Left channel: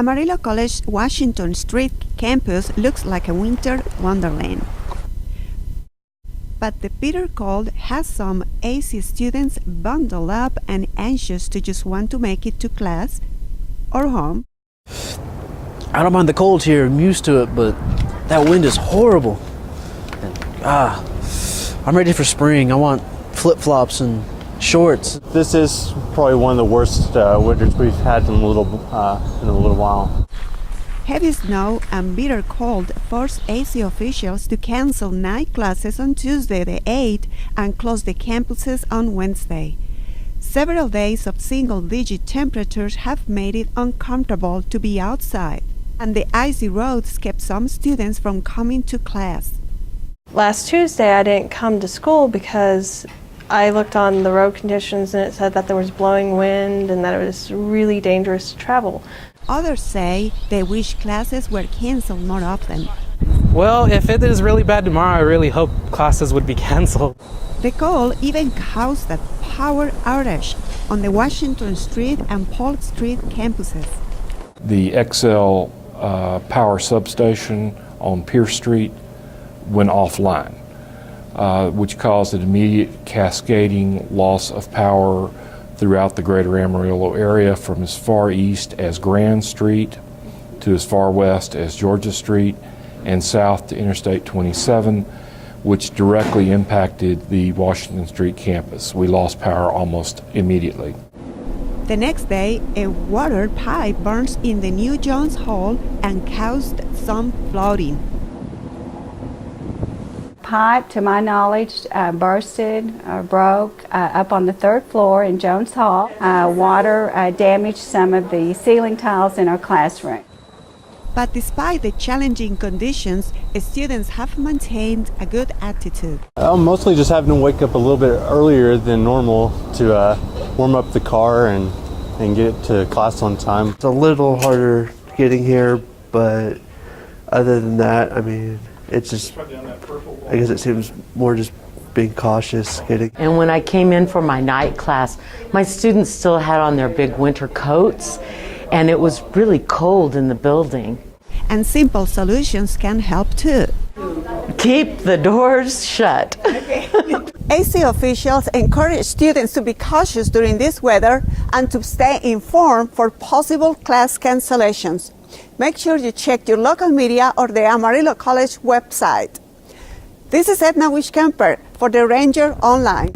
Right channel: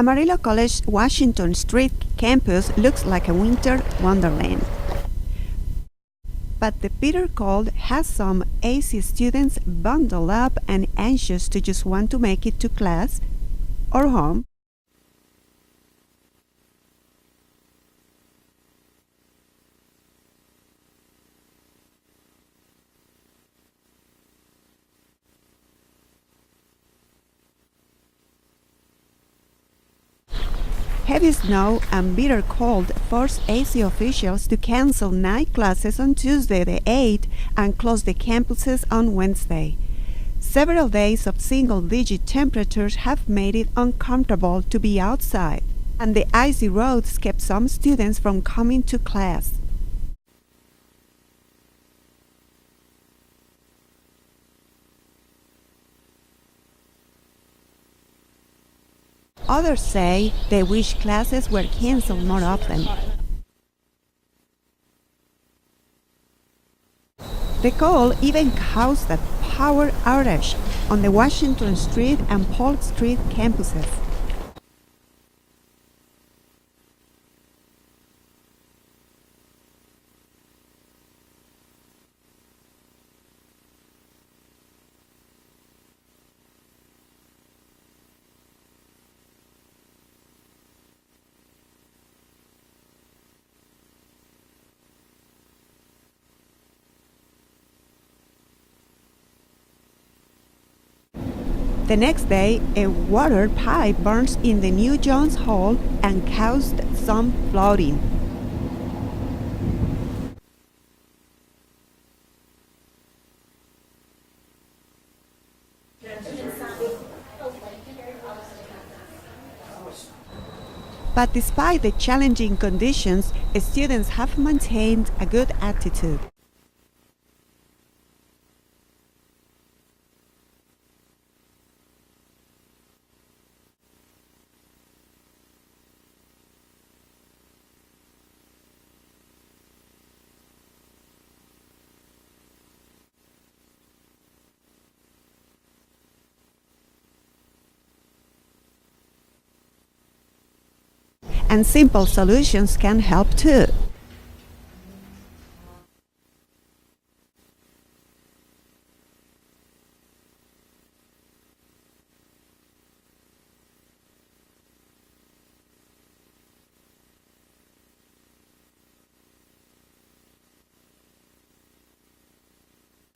Amarillo College Washington Street campus looks like a winter wonderland. But the bitter cold has some AC students bundled up and anxious to just want to make it to class or home. I don't mind the cold here, I'm used to it, but that wind is horrible. I'm ready for spring. I want flip-flops and shorts. This is probably one of the worst winters we've had in a little while. Heavy snow and bitter cold forced AC officials to cancel night classes on Tuesday the 8th and close the campuses on Wednesday. Several days of single-digit temperatures have made it uncomfortable to be outside, and the icy roads kept some students from coming to class. Last Tuesday I didn't come to school because I looked on the road conditions and it said that there was blowing wind and that it was really dangerous to travel. Others say they wish classes were canceled more often. Well, if it is really bad tomorrow, I really hope classes would be canceled. The cold even caused a power outage on the Washington Street and Polk Street campuses. The XL power substation on Pierce Street went offline, which caused an immediate cascading loss of power throughout the greater Amarillo area from as far east as Grand Street to as far west as Georgia Street and south to Interstate 27, which directly impacted the Washington Street campus. We lost power almost immediately. The next day, a water pipe burst in the new Jones Hall and caused some flooding. Pipe, to my knowledge, bursted or broke up on the third floor in Jones Hall. Water damaged some of the ceiling tiles in our classroom. But despite the challenging conditions, students have maintained a good attitude. I'm mostly just having to wake up a little bit earlier than normal to warm up the car and get it to class on time. It's a little harder getting here, but other than that, I mean, it's just, I guess it seems more just being cautious getting. And when I came in for my night class, my students still had on their big winter coats, and it was really cold in the building. And simple solutions can help too. Keep the doors shut. AC officials encourage students to be cautious during this weather and to stay informed for possible class cancellations. Make sure you check your local media or the Amarillo College website. This is Edna Wishkemper for the Ranger Online.